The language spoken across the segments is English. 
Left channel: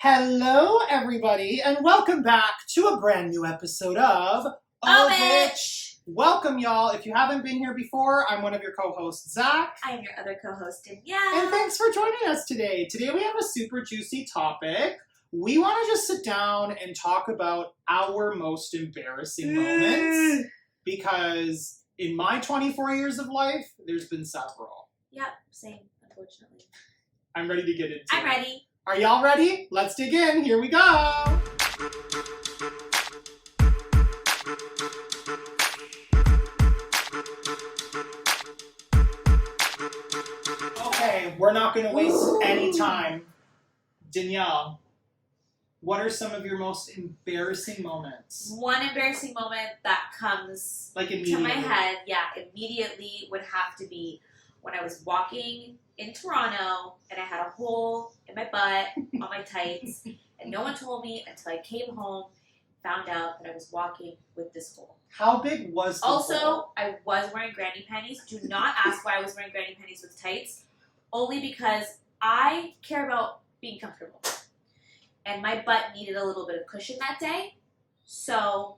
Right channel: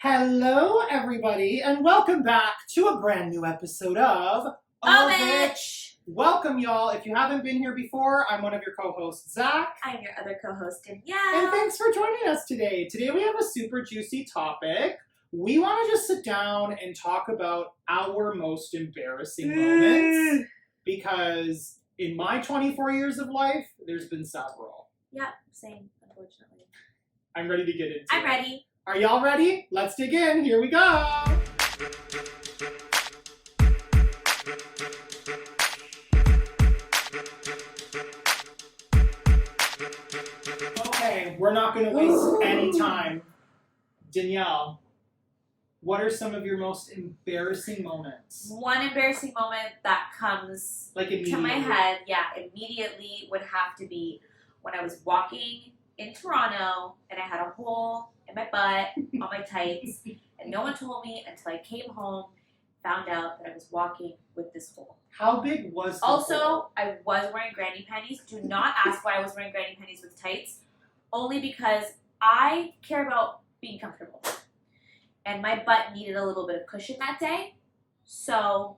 Hello, everybody, and welcome back to a brand new episode of It. Welcome, y'all. If you haven't been here before, I'm one of your co-hosts, Zach. I'm your other co-host, Danielle. And thanks for joining us today. Today we have a super juicy topic. We want to just sit down and talk about our most embarrassing moments because in my 24 years of life, there's been several. Yep, same, unfortunately. I'm ready to get into it. I'm ready. Are y'all ready? Let's dig in. Here we go. Okay, we're not going to waste any time. Danielle, what are some of your most embarrassing moments? One embarrassing moment that comes to my head, immediately would have to be when I was walking in Toronto and I had a hole in my butt on my tights and no one told me until I came home, found out that I was walking with this hole. How big was the hole? I was wearing granny panties. Do not ask why I was wearing granny panties with tights. Only because I care about being comfortable. And my butt needed a little bit of cushion that day. So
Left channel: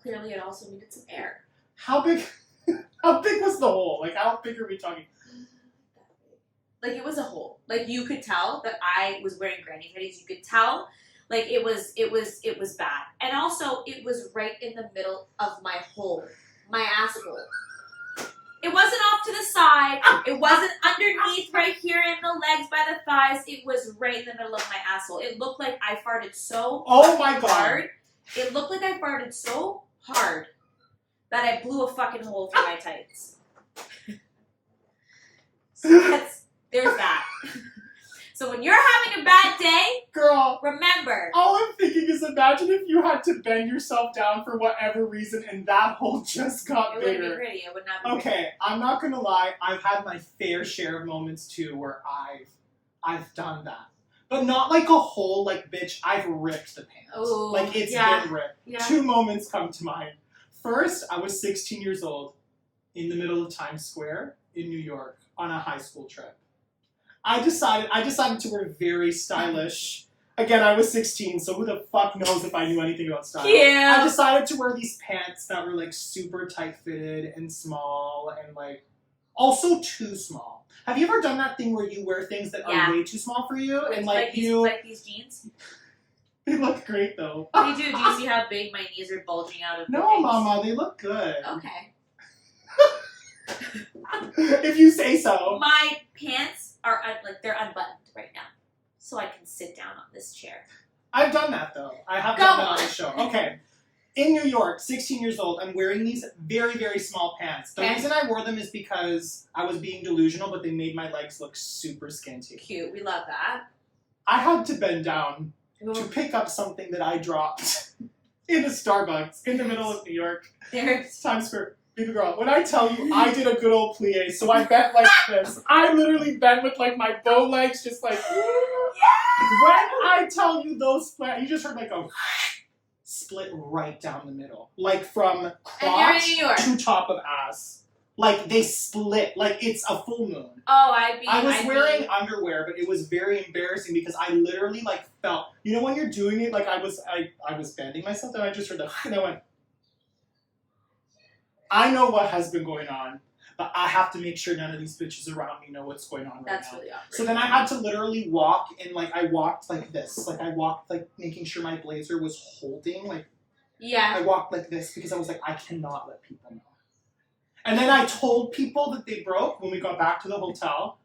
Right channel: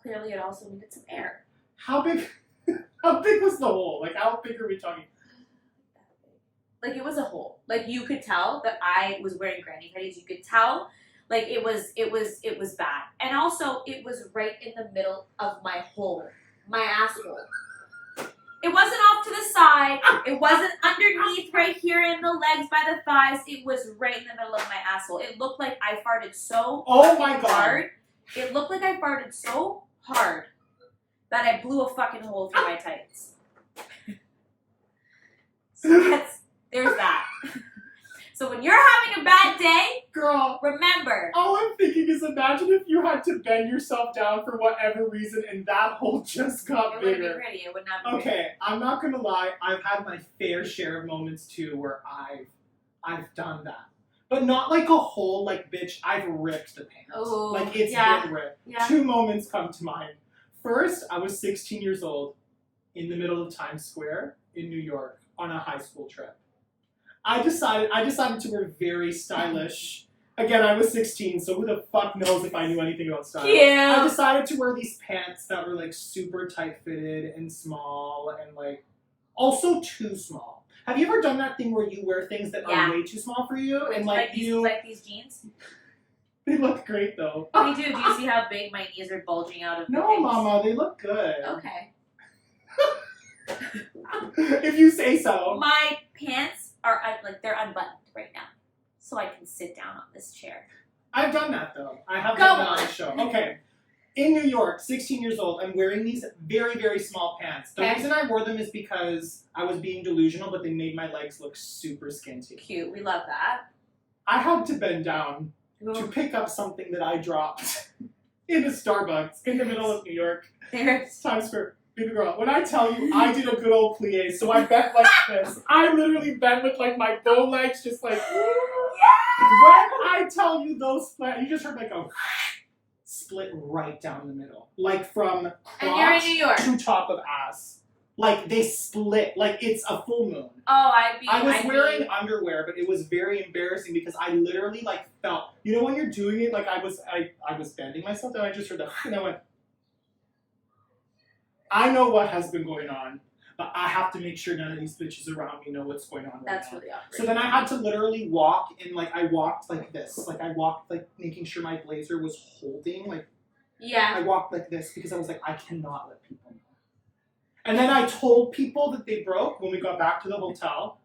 clearly it also needed some air. How big was the hole? Like, how big are we talking? Like, it was a hole. Like, you could tell that I was wearing granny panties. You could tell, like, it was bad. And also, it was right in the middle of my hole, my asshole. It wasn't off to the side. It wasn't underneath right here in the legs by the thighs. It was right in the middle of my asshole. It looked like I farted so hard. It looked like I farted so hard that I blew a fucking hole through my tights. So there's that. So when you're having a bad day, girl, remember. All I'm thinking is imagine if you had to bend yourself down for whatever reason and that hole just got bigger. It wouldn't be pretty. It would not be pretty. Okay, I'm not gonna lie. I've had my fair share of moments too where I've done that. But not like a hole, like, bitch, I've ripped the pants. Ooh, like, it's been ripped. Yeah. 2 moments come to mind. First, I was 16 years old in the middle of Times Square in New York on a high school trip. I decided to wear very stylish. Again, I was 16, so who the fuck knows if I knew anything about style. Yeah. I decided to wear these pants that were, like, super tight-fitted and small and, like, also too small. Have you ever done that thing where you wear things that are way too small for you? And, like these jeans? They look great, though. They do. Do you see how big my knees are bulging out of No, Mama, they look good. Okay. If you say so. My pants are they're unbuttoned right now, so I can sit down on this chair. I've done that though. I have done that on the show. Okay. In New York, 16 years old, I'm wearing these very, very small pants. The reason I wore them is because I was being delusional, but they made my legs look super skinty. Cute. We love that. I had to bend down to pick up something that I dropped in a Starbucks in the middle of New York. Times Square. Baby girl, when I tell you I did a good old plie, so I bent like this. I literally bent with like my bow legs, just like. Yeah! When I tell you those flat, you just heard like a split right down the middle, like from crotch to top of ass. Like they split, like it's a full moon. Oh, I was wearing underwear, but it was very embarrassing because I literally like felt. You know when you're doing it, like I was bending myself, and I just heard the and I went. I know what has been going on, but I have to make sure none of these bitches around me know what's going on right now. That's really awkward. So then I had to literally walk, and like I walked like this. Like I walked like making sure my blazer was holding. Like I walked like this because I was like, I cannot let people know. And then I told people that they broke when we got back to the hotel.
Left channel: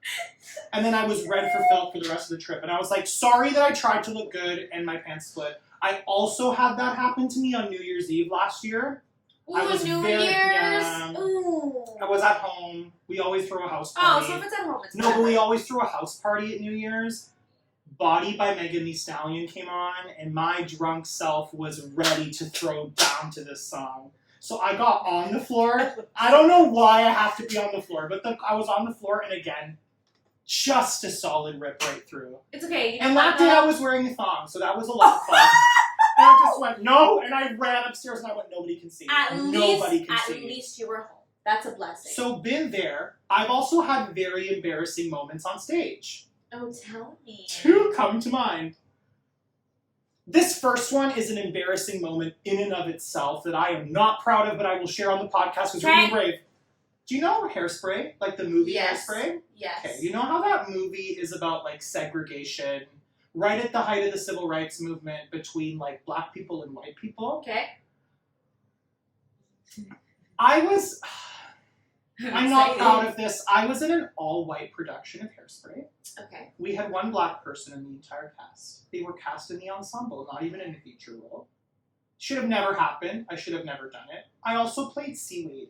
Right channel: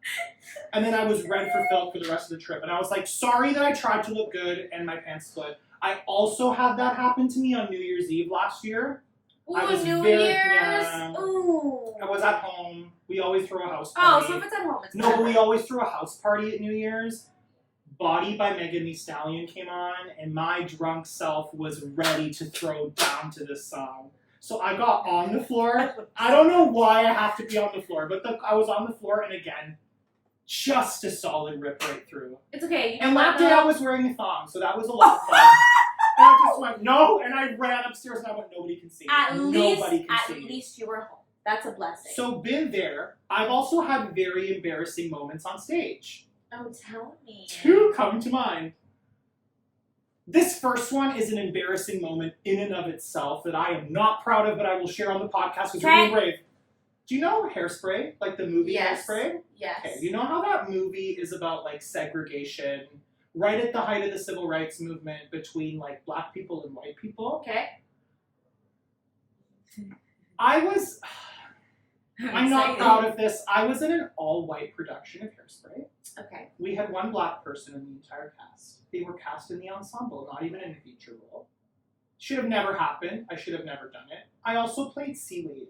And then I was red for filth for the rest of the trip. And I was like, sorry that I tried to look good and my pants split. I also had that happen to me on New Year's Eve last year. Ooh, New Year's! Yeah, ooh. I was at home. We always throw a house party. Oh, so if it's at home, it's No, but we always throw a house party at New Year's. Body by Megan Thee Stallion came on, and my drunk self was ready to throw down to this song. So I got on the floor. I don't know why I have to be on the floor, but I was on the floor, and again, just a solid rip right through. It's okay. And that day I was wearing a thong, so that was a lot of fun. And I just went, no, and I ran upstairs and I went, nobody can see me. Nobody can see me. At least you were home. That's a blessing. So been there. I've also had very embarrassing moments on stage. Oh, tell me. 2 come to mind. This first one is an embarrassing moment in and of itself that I am not proud of, but I will share on the podcast because we're being brave. Do you know Hairspray? Like the movie Hairspray? Yes. Okay, you know how that movie is about like segregation, right at the height of the civil rights movement between like black people and white people? Okay. I'm not proud of this. I was in an all-white production of Hairspray. Okay. We had 1 black person in the entire cast. They were cast in the ensemble, not even in a feature role. Should have never happened. I should have never done it. I also played SAYYY.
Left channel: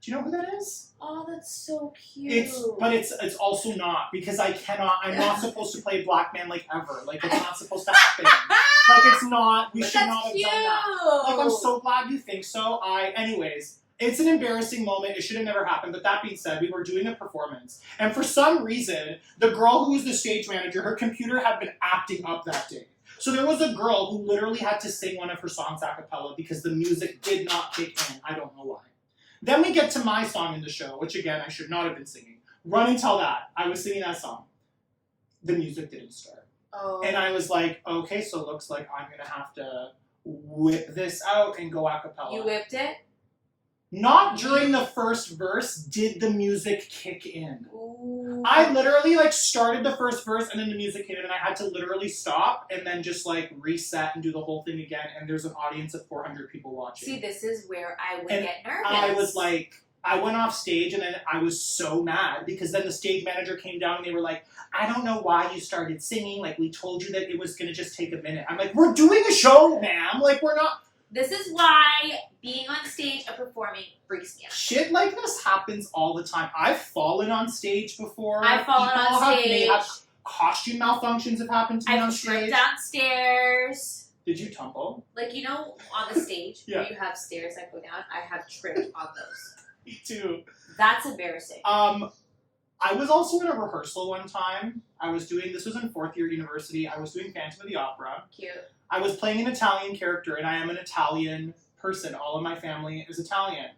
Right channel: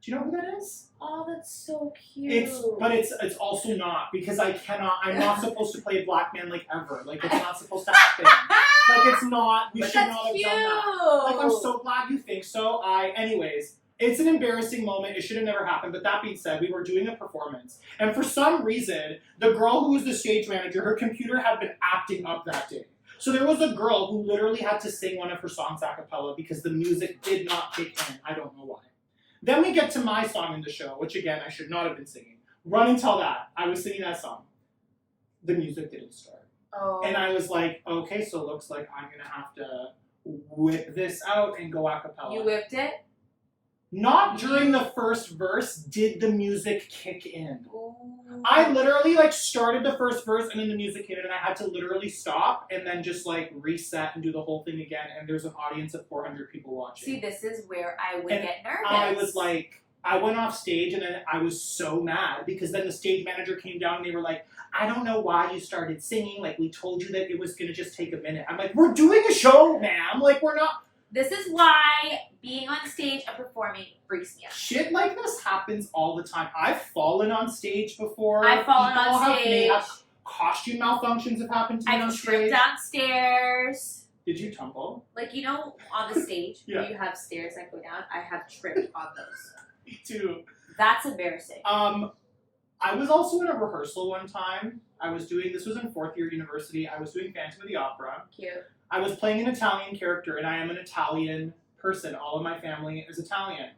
Do you know who that is? Oh, that's so cute. It's also not, because I'm not supposed to play a black man like ever. Like, it's not supposed to happen. Like, it's not, we should not have done that. Like, I'm so glad you think so. Anyways, it's an embarrassing moment. It should have never happened. But that being said, we were doing a performance. And for some reason, the girl who was the stage manager, her computer had been acting up that day. So there was a girl who literally had to sing one of her songs a cappella because the music did not kick in. I don't know why. Then we get to my song in the show, which again, I should not have been singing. Run and Tell That. I was singing that song. The music didn't start. Oh. And I was like, okay, so it looks like I'm going to have to whip this out and go a cappella. You whipped it? Not during the first verse did the music kick in. Ooh. I literally like started the first verse and then the music hit it and I had to literally stop and then just like reset and do the whole thing again, and there's an audience of 400 people watching. See, this is where I would get nervous. I was like, I went off stage and then I was so mad because then the stage manager came down and they were like, I don't know why you started singing. Like, we told you that it was going to just take a minute. I'm like, we're doing a show, ma'am. Like, we're not. This is why being on stage and performing freaks me out. Shit like this happens all the time. I've fallen on stage before. I've fallen on stage. Costume malfunctions have happened to me on stage. I've tripped downstairs. Did you tumble? Like, you know, on the stage Yeah. where you have stairs that go down, I have tripped on those. Me too. That's embarrassing. I was also in a rehearsal one time. This was in 4th year university. I was doing Phantom of the Opera. Cute. I was playing an Italian character, and I am an Italian person. All of my family is Italian.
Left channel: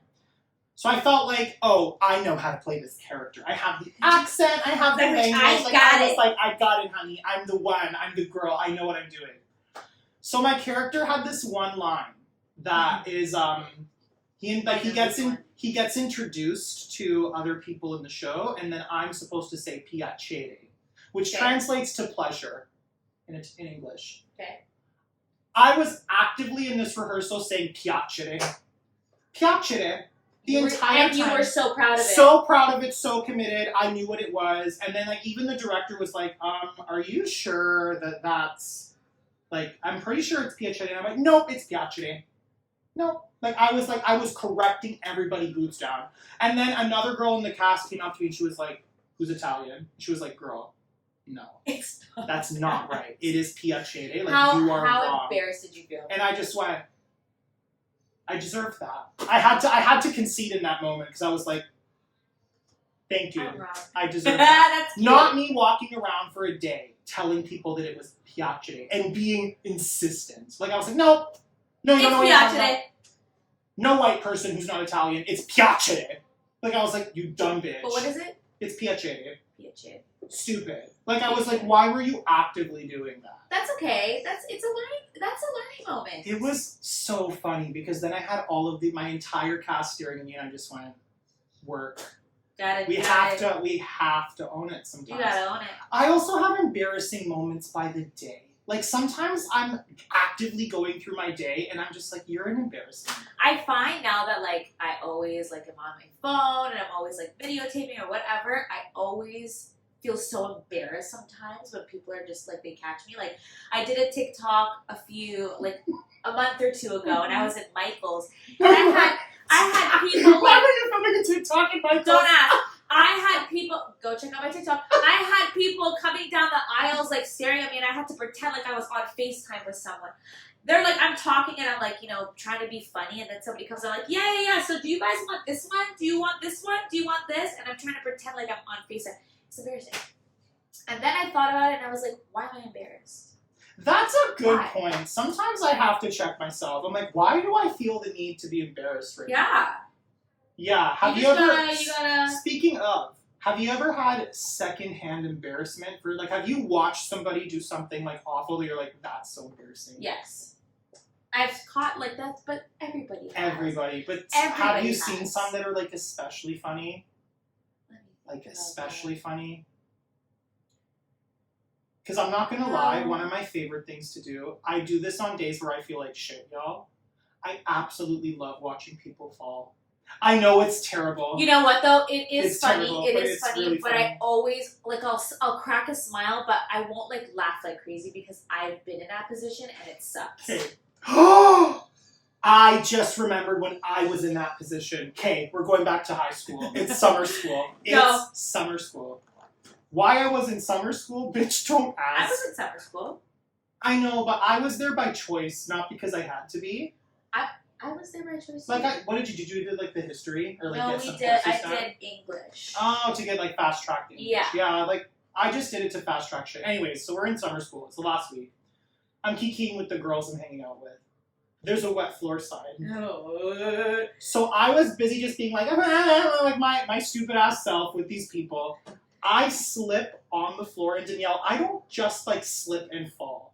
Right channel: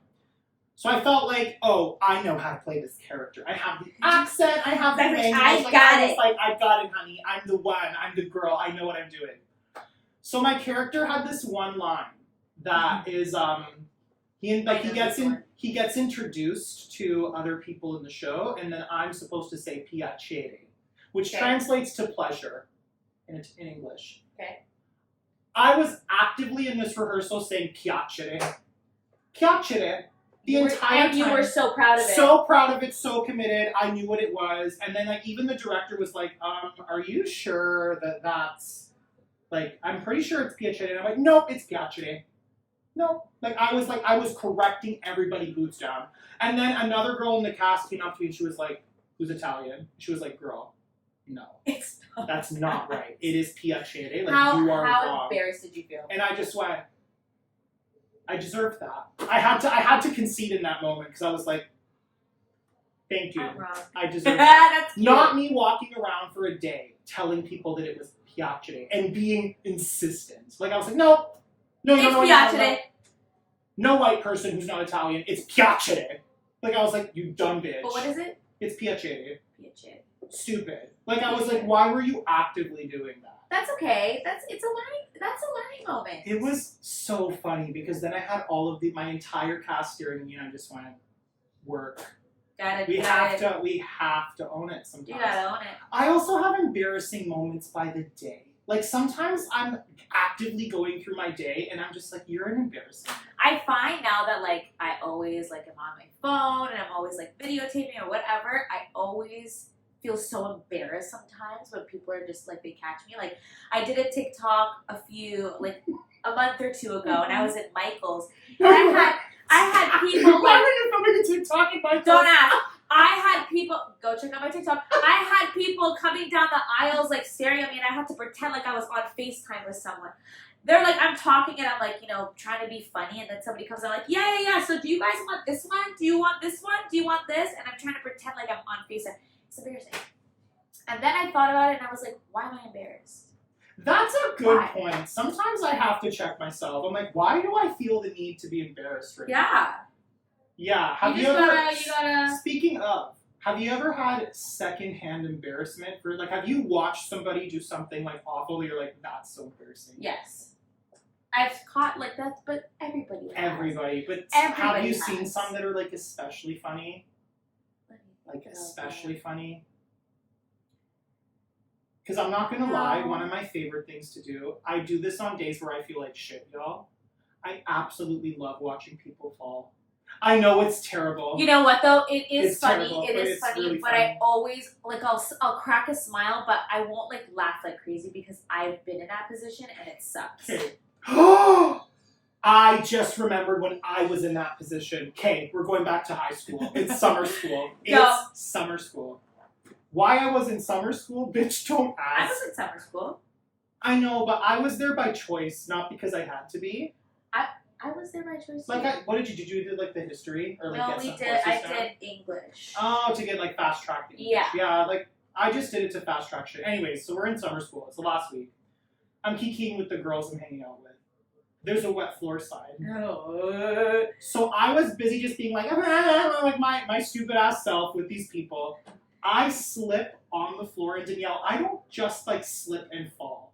So I felt like, oh, I know how to play this character. I have the accent. I have the language. I got it, honey. I'm the one. I'm the girl. I know what I'm doing. So my character had this one line that is, he gets introduced to other people in the show, and then I'm supposed to say piacere, which translates to pleasure in English. Okay. I was actively in this rehearsal saying piacere. Piacere. The entire time. And you were so proud of it. So proud of it, so committed. I knew what it was. And then like even the director was like, are you sure that that's like, I'm pretty sure it's piacere. And I'm like, nope, it's piacere. Nope. I was correcting everybody boots down. And then another girl in the cast came up to me and she was like, who's Italian? She was like, girl, no. That's not right. It is piacere. Like, you are wrong. How embarrassed did you feel? And I just went, I deserve that. I had to concede in that moment because I was like, thank you. I'm wrong. I deserve that. That's cute. Not me walking around for a day telling people that it was piacere and being insistent. Like I was like, no, you don't know what you're talking about. No white person who's not Italian. It's piacere. Like I was like, you dumb bitch. But what is it? It's piacere. Piacere. Stupid. Like I was like, why were you actively doing that? That's okay. That's a learning moment. It was so funny because then I had all of my entire cast staring me and I just went, work. We have to own it sometimes. You gotta own it. I also have embarrassing moments by the day. Like sometimes I'm actively going through my day and I'm just like, you're an embarrassment. I find now that like I always like am on my phone and I'm always like videotaping or whatever, I always feel so embarrassed sometimes when people are just like, they catch me. Like I did a TikTok a month or 2 ago and I was at Michael's and I had people like, why were you filming a TikTok at Michael's? Don't ask. I had people, go check out my TikTok. I had people coming down the aisles like staring at me and I had to pretend like I was on FaceTime with someone. They're like, I'm talking and I'm like, you know, trying to be funny, and then somebody comes out like, yeah. So do you guys want this one? Do you want this one? Do you want this? And I'm trying to pretend like I'm on FaceTime. It's embarrassing. And then I thought about it and I was like, why am I embarrassed? That's a good point. Sometimes I have to check myself. I'm like, why do I feel the need to be embarrassed right now? Yeah. Yeah. Have you ever? Speaking of, Have you ever had secondhand embarrassment for, like, have you watched somebody do something, like, awful that you're like, that's so embarrassing? Yes. I've caught, like, that, but everybody has. Everybody. But Everybody have you has. seen some that are, like, especially funny? Like, especially funny? Because I'm not going to lie, one of my favorite things to do, I do this on days where I feel like shit, y'all. I absolutely love watching people fall. I know it's terrible. You know what though? It is funny. Terrible, it is funny, really but funny. I always like I'll crack a smile, but I won't like laugh like crazy because I've been in that position and it sucks. Okay. I just remembered when I was in that position. Okay, we're going back to high school. It's summer school. It's summer school. Why I was in summer school, bitch, don't ask. I was in summer school. I know, but I was there by choice, not because I had to be. I was there by choice. Like, what did you do? Did you do like the history or like no, get we some did. courses I down? did English. Oh, to get like fast track English. Yeah. Yeah, like I just did it to fast track shit. Anyways, so we're in summer school. It's the last week. I'm kikiing with the girls I'm hanging out with. There's a wet floor slide. Oh. So I was busy just being like, like my stupid ass self with these people. I slip on the floor, and Danielle, I don't just like slip and fall.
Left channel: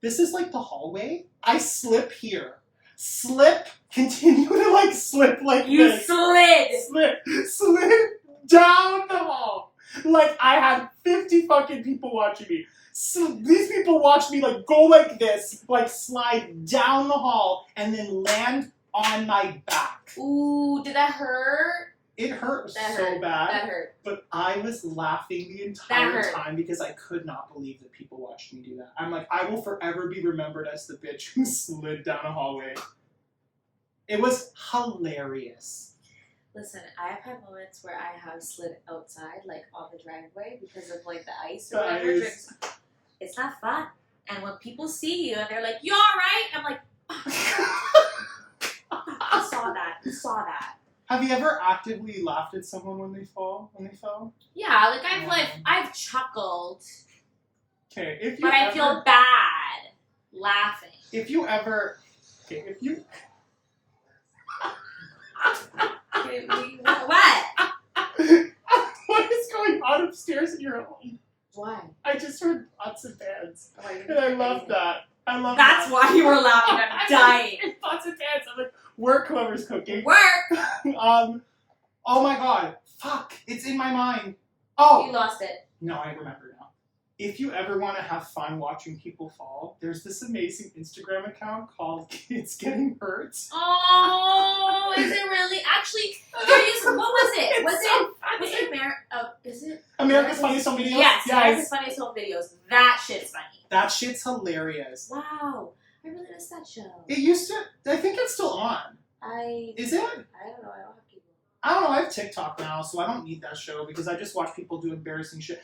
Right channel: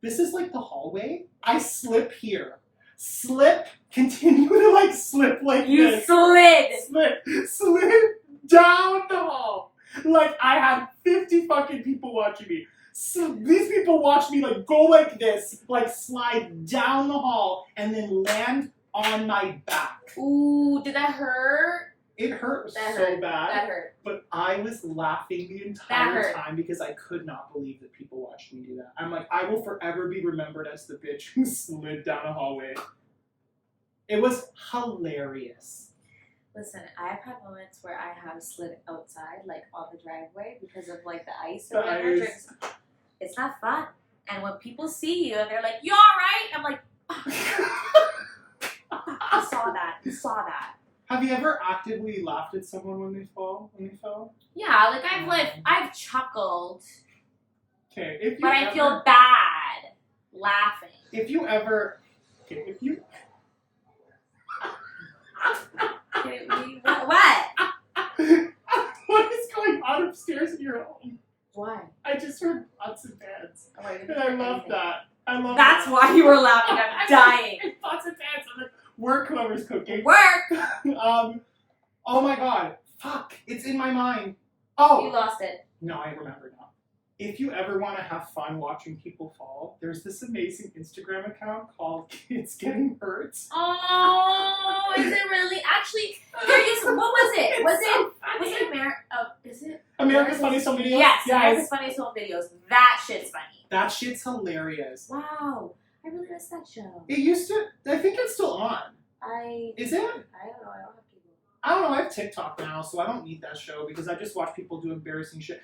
This is like the hallway. I slip here. Slip, continue to like slip like You this. Slid down the hall. Like I had 50 fucking people watching me. So these people watch me like go like this, like slide down the hall, and then land on my back. Ooh, did that hurt? It hurt That so hurt. bad. That hurt. But I was laughing the entire time because I could not believe that people watched me do that. I'm like, I will forever be remembered as the bitch who slid down a hallway. It was hilarious. Listen, I've had moments where I have slid outside, like on the driveway, because of like the ice or whatever. It's not fun. And when people see you and they're like, "You all right?" I'm like, "I saw that. You saw that." Have you ever actively laughed at someone when they fell? Yeah, like I've chuckled. Okay, but I feel bad laughing. If you ever, okay, Okay, what? What is going on upstairs in your home? Why? I just heard pots and pans, Oh, and I love that. That's why you were laughing. I'm dying. Pots and pans. I'm like, work, whoever's cooking. Work. Oh my god. Fuck. It's in my mind. Oh. You lost it. No, I remember now. If you ever want to have fun watching people fall, there's this amazing Instagram account called Kids Getting Hurt. Oh, is it really? Actually, there is. What was it? Was it is it America's Funniest Home Videos? Yes, America's Funniest Home Videos. That shit's funny. That shit's hilarious. Wow, I really missed that show. It used to. I think it's still on. Is it? I don't know. I don't have cable. I don't know. I have TikTok now, so I don't need that show because I just watch people do embarrassing shit.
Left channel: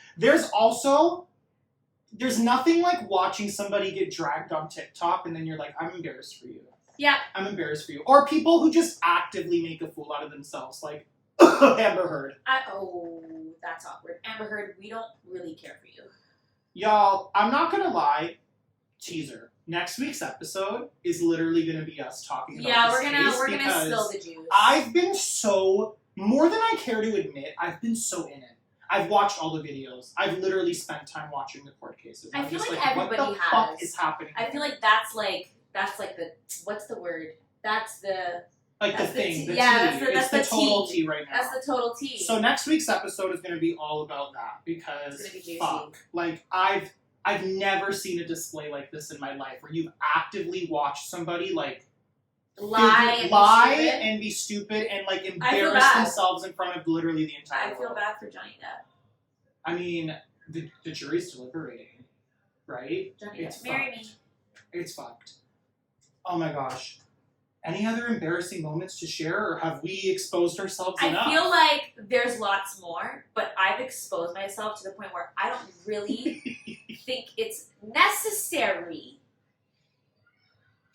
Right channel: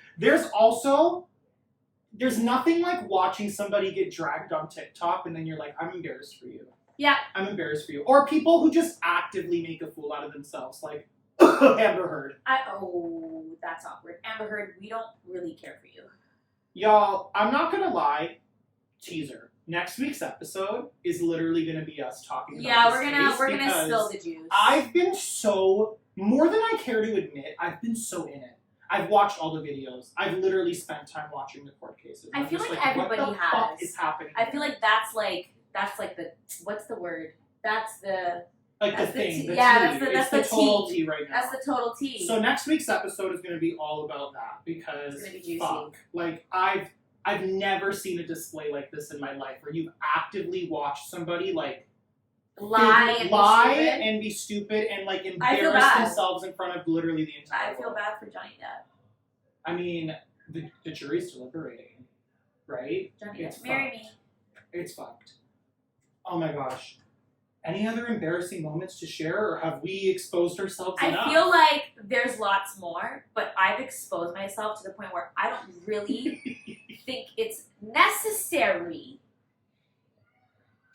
There's nothing like watching somebody get dragged on TikTok and then you're like, I'm embarrassed for you. Yeah. I'm embarrassed for you. Or people who just actively make a fool out of themselves, like Amber Heard. That's awkward. Amber Heard, we don't really care for you. Y'all, I'm not gonna lie. Teaser. Next week's episode is literally gonna be us talking about we're gonna spill the juice. I've been more than I care to admit, I've been so in it. I've watched all the videos. I've literally spent time watching the court cases. I feel like everybody what the fuck is happening? I feel like that's like the what's the word? That's the thing. That's the total tea tea right now. That's the total tea. So next week's episode is going to be all about that because it's gonna be juicy. fuck, like I've never seen a display like this in my life where you've actively watched somebody like lie and be stupid and like embarrass themselves in front of literally the entire world. I feel bad for Johnny Depp. I mean, the jury's deliberating, right? Johnny Depp, marry me. It's fucked. Oh my gosh. Any other embarrassing moments to share, or have we exposed ourselves enough? I feel like there's lots more, but I've exposed myself to the point where I don't really think it's necessary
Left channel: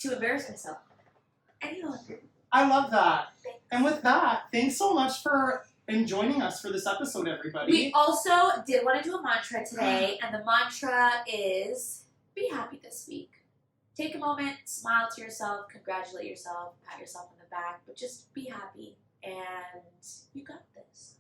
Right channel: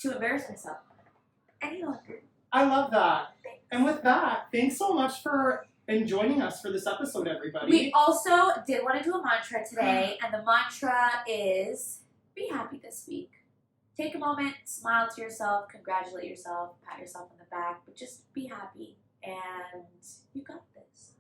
to embarrass myself any longer. I love that. And with that, thanks so much for joining us for this episode, everybody. We also did want to do a mantra today, and the mantra is be happy this week. Take a moment, smile to yourself, congratulate yourself, pat yourself on the back, but just be happy, and you got this.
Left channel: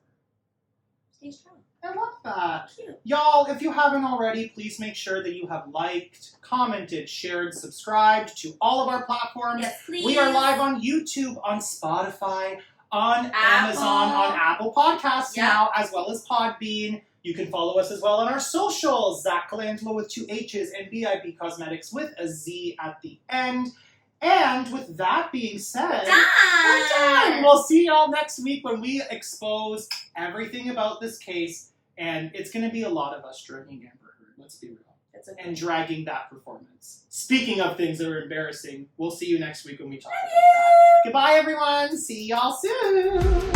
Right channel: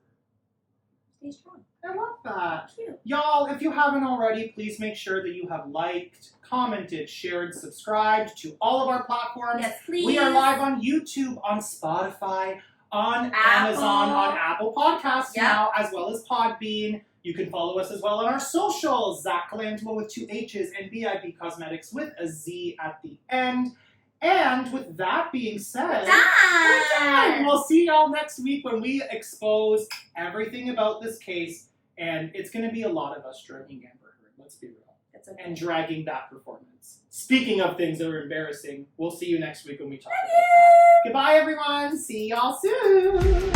stay strong. I love that. Cute. Y'all, if you haven't already, please make sure that you have liked, commented, shared, subscribed to all of our platforms. Yes, please. We are live on YouTube, on Spotify, on Apple. Amazon, on Apple Podcasts Yep. now, as well as Podbean. You can follow us as well on our socials, Zach Colangelo with 2 H's and BIP Cosmetics with a Z at the end. And with that being said, we're done. We'll see y'all next week when we expose everything about this case. And it's going to be a lot of us dragging Amber Heard. Let's be real. That's okay. And dragging that performance. Speaking of things that are embarrassing, we'll see you next week when we talk about that. Goodbye, everyone. See y'all soon.